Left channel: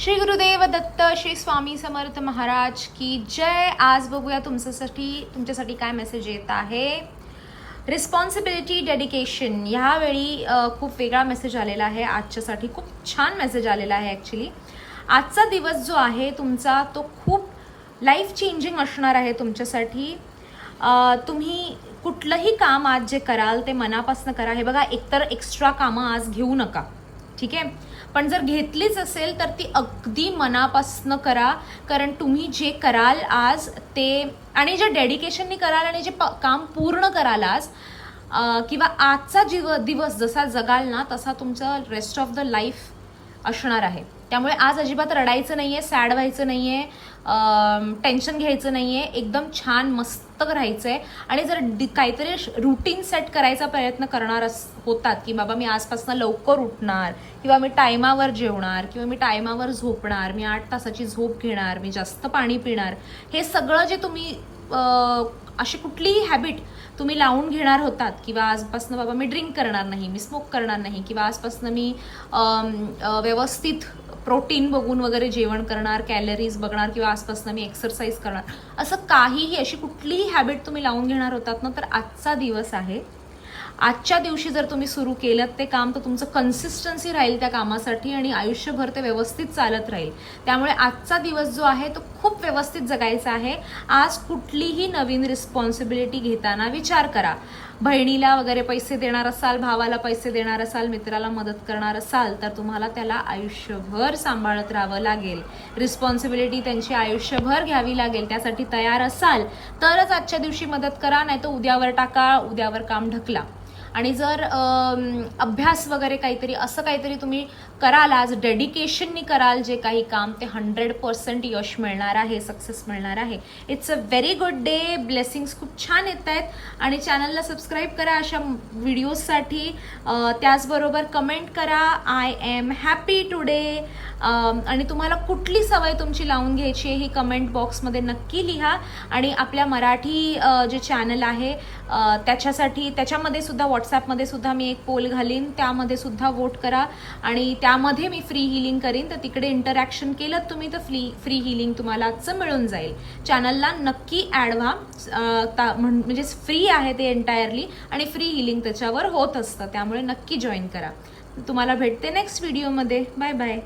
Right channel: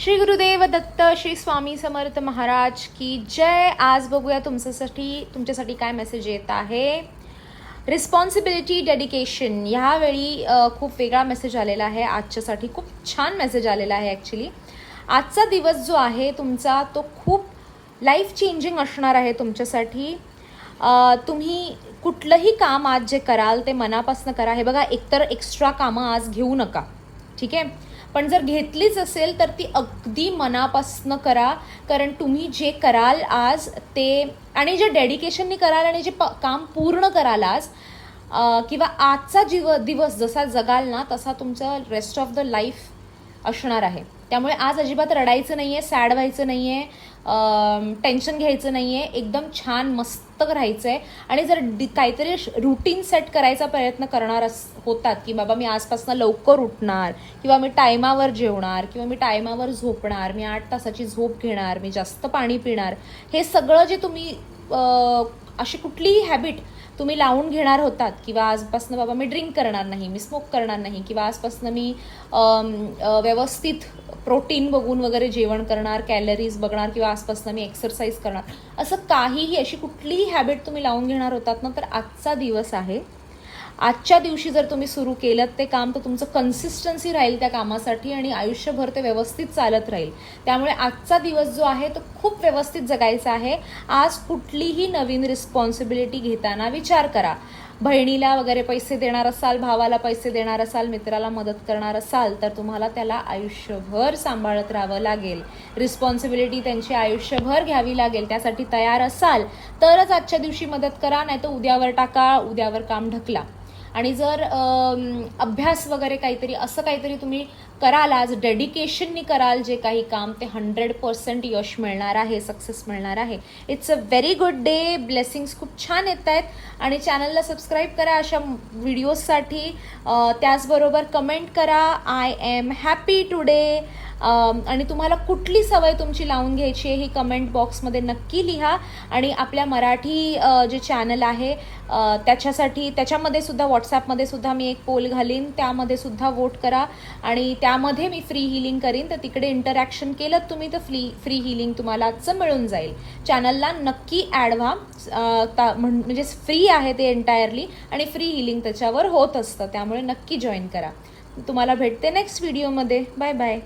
श्री गुरुदेव दत्त, श्री स्वामी समर्थ महाराज की जय। आज बघूया तुमच्यासाठी काय मेसेज येत आहे। रिस्पॉन्सिबिलिटी, डेडिकेशन, ह्यावेळी खूप वेगळा मेसेज आलेला आहे। आजच्यासाठी खूप छान मेसेज आलेला आहे। ॲक्च्युली आजचा दिवस जो आहे तुमचा तो खूप लाईफ चेंजिंग असणार आहे तुमच्यासाठी। तुम्ही कुठलंही काम आज जे कराल ते मनापासून करा। हे बघा, एकतर एक्स्ट्रा कामं आज घेऊ नका, ठीक आहे, पण जर घेतलीच असेल तर ती अगदी मनापासून करा। कारण तुम्ही जे कराल आज ते, आणि जे डेडिकेशननी कराल आणि जे काम पूर्ण कराल आज, किंवा आजचा दिवस जसा जगाल ना तसा तुमचा रेस्ट ऑफ द लाईफ असणार आहे। त्यामुळे आज अजिबात रडायचं नाहीये, सॅड व्हायचं नाहीये, टेन्शन घ्यायचं नाहीये, एकदम छान मस्त राहायचंय। आणि जर काहीतरी रुटीन सेट करायचा प्रयत्न करणार होतात की बाबा मी आजपासून लवकर उठणार, किंवा मी टायमावर जेवणार, किंवा मी टायमावर झोपणार, मी 8 तासाची झोप घेणार, मी जास्त पाणी पिणार, हे सगळं जे तुम्ही अशी कुठलीही हॅबिट तुम्ही लावून घेणार होतात, किंवा आजपासून बाबा मी ड्रिंक करणार नाही, मी स्मोक करणार नाही, किंवा आजपासून मी व्यवस्थित प्रोटीन बघून वगैरे जेवण करणार, कॅलरीज बघणार, किंवा आजपासून मी एक्सरसाइज करणार, असं काहीही अशी कुठलीही हॅबिट तुम्ही लावून घेणार होतात ना, तर आजचा दिवस आहे। आजच्या दिवशी जर तुम्ही सुरू केलं ते काम तर तुमचं कन्सिस्टन्सी राहील त्या कामासाठी, आणि आयुष्यभर ते व्यवस्थित चालत राहील। त्यामुळे आजचा दिवस जो आहे तो खूप व्यवस्थित जगायचा आहे। आज कुठलीही नवीन रिस्पॉन्सिबिलिटी घेताना विचार करा। बहिणीला वगैरे पैसे देणार असाल, भावाला पैसे देणार असाल, मित्राला मदत करणार असाल, तर तुम्हाला त्याला आयुष्यभर सांभाळत राहावं लागेल। रिस्पॉन्सिबिलिटी त्यांची आयुष्यभर घ्यावी लागेल। त्यासाठी तयार असाल तरच आजच्या दिवशी मदत करा, नाही तर उद्यावर टाका, उद्यावर काम ढकला। आणि जर अभ्यास वगैरे काहीतरी असं काहीतरी तुम्ही कराल, आज डेडिकेशननी कराल जे काही काम, ते 100% यश मिळणार आहे, सक्सेस मिळणार आहे। It's a very good day, blessings खूप छान येत आहेत। आणि चॅनलला सबस्क्राईब करा अशा व्हिडिओजसाठी, त्याचबरोबर कमेंट करा आय एम हॅपी टुडे। आणि तुम्हाला कुठली सवय तुमची लावून घ्यायची आहे ही कमेंट बॉक्समध्ये नक्की लिहा। आणि आपल्या मराठी जे चॅनल आहे त्याच्यामध्ये सुद्धा, व्हॉट्सॲपमध्ये सुद्धा मी एक पोल घालीन, त्यामध्ये सुद्धा वोट करा। आणि त्यामध्ये मी फ्री हिलिंग करीन, तर तिकडे इंटरॅक्शन केलं तुम्ही तर फ्री हिलिंग तुम्हाला आजचं मिळून जाईल। चॅनलला नक्की ॲड व्हा, म्हणजे फ्री आहे ते एंटायरली, आणि फ्री हिलिंग त्याच्यावर होत असतं, त्यामुळे नक्की जॉईन करा। तुम्हाला भेटते नेक्स्ट व्हिडिओमध्ये। Bye bye.